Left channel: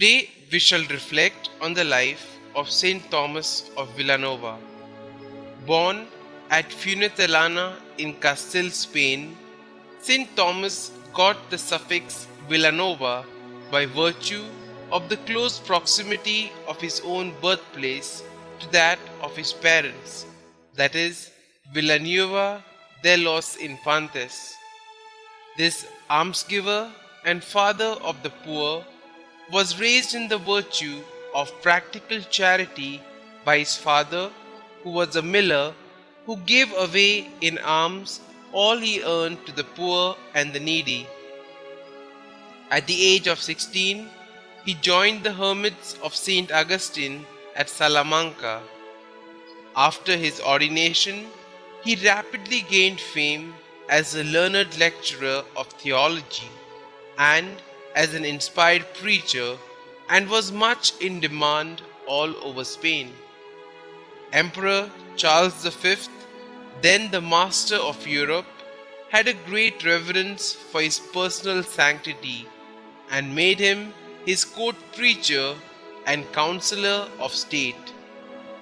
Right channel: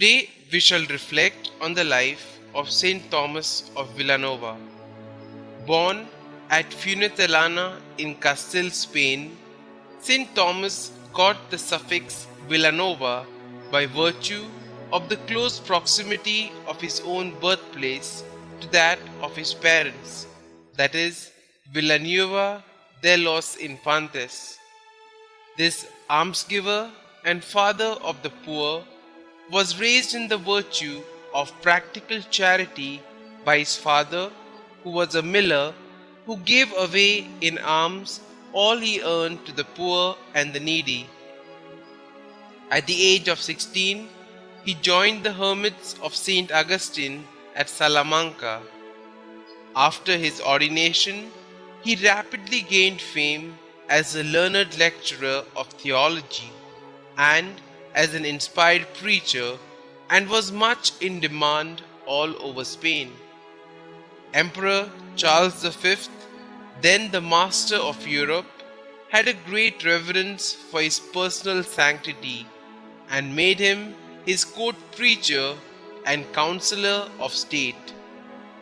Today we shall reflect on the life of St Thomas of Villanova. Born at Fuentellana in Castile, Spain, St Thomas got the suffix Villanova by virtue of the close proximity of his own birthplace to that of his parents, that is, Villanueva de los Infantes. This almsgiver and father of the poor was raised in the virtue of practical charity by his father, who was a miller who gave away in alms all he earned to the poor and the needy. At the age of 16, he joined the hermits of St. Augustine at Salamanca. After his ordination, he rapidly gained fame as a learned lecturer of theology and as an inspired preacher, and was much in demand all over Spain. Emperor Charles V, then the master of Europe, had a great reverence for his personal sanctity and made him his court preacher and counselor of state,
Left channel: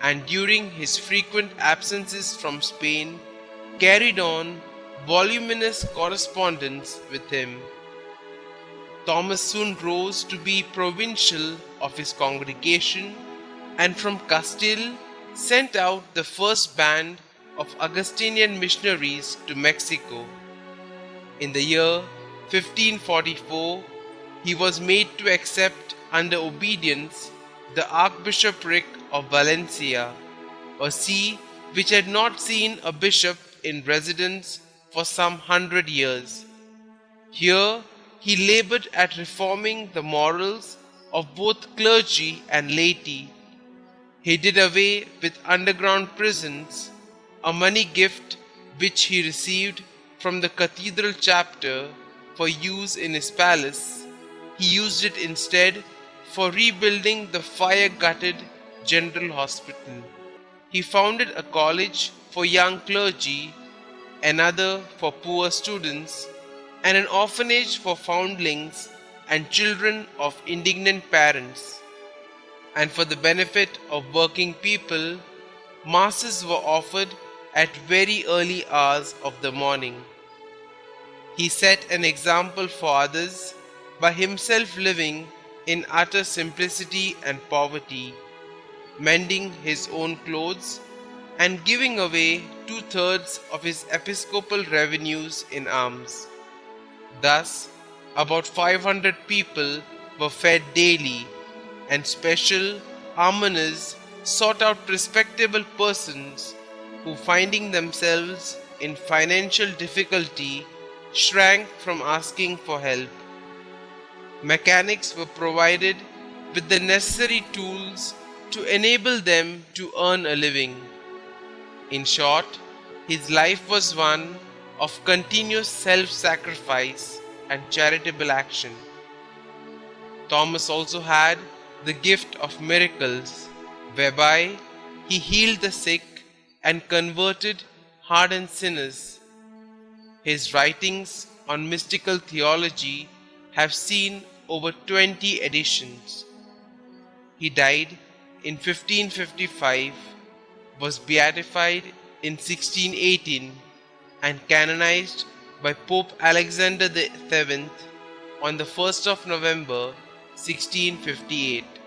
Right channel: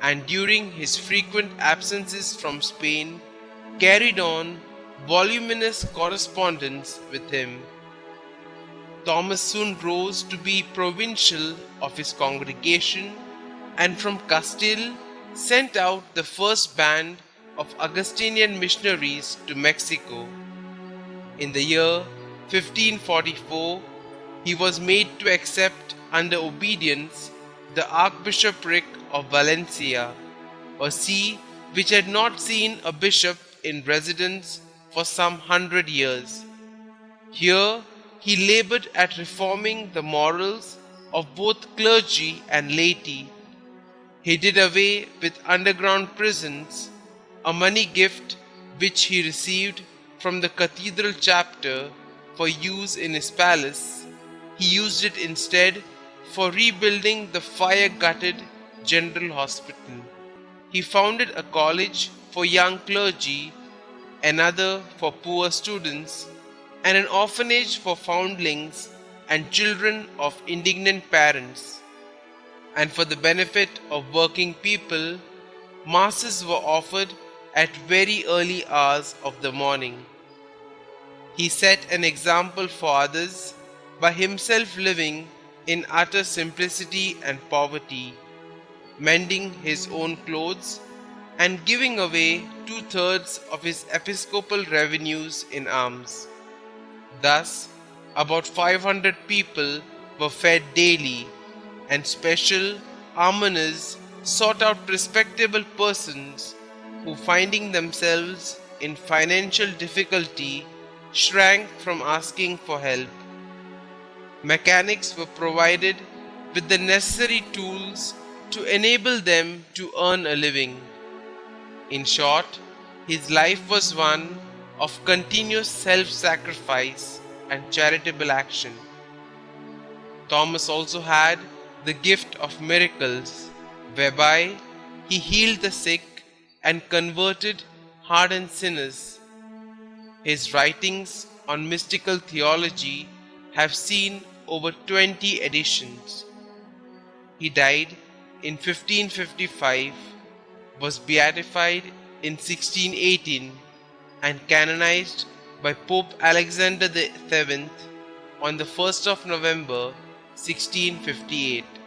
and during his frequent absences from Spain carried on voluminous correspondence with him. Thomas soon rose to be provincial of his congregation, and from Castile sent out the first band of Augustinian missionaries to Mexico. In the year 1544, he was made to accept under obedience the Archbishopric of Valencia, a see which had not seen a bishop in residence for some 100 years. Here he labored at reforming the morals of both clergy and laity. He did away with underground prisons, a money gift which he received from the cathedral chapter for use in his palace. He used it instead for rebuilding the fire-gutted General Hospital. He founded a college for young clergy, another for poor students, and an orphanage for foundlings and children of indigent parents. And for the benefit of working people, masses were offered at very early hours of the morning. He set an example for others by himself living in utter simplicity and poverty, mending his own clothes and giving away 2/3 of his episcopal revenues in alms. Thus, about 500 people were fed daily, and special almoners sought out respectable persons who, finding themselves in financial difficulty, shrank from asking for help. Mechanics were provided with the necessary tools to enable them to earn a living. In short, his life was one of continuous self-sacrifice and charitable action. Thomas also had the gift of miracles, whereby he healed the sick and converted hardened sinners. His writings on mystical theology have seen over 20 editions. He died in 1555, was beatified in 1618, and canonized by Pope Alexander VII on the 1st of November 1658.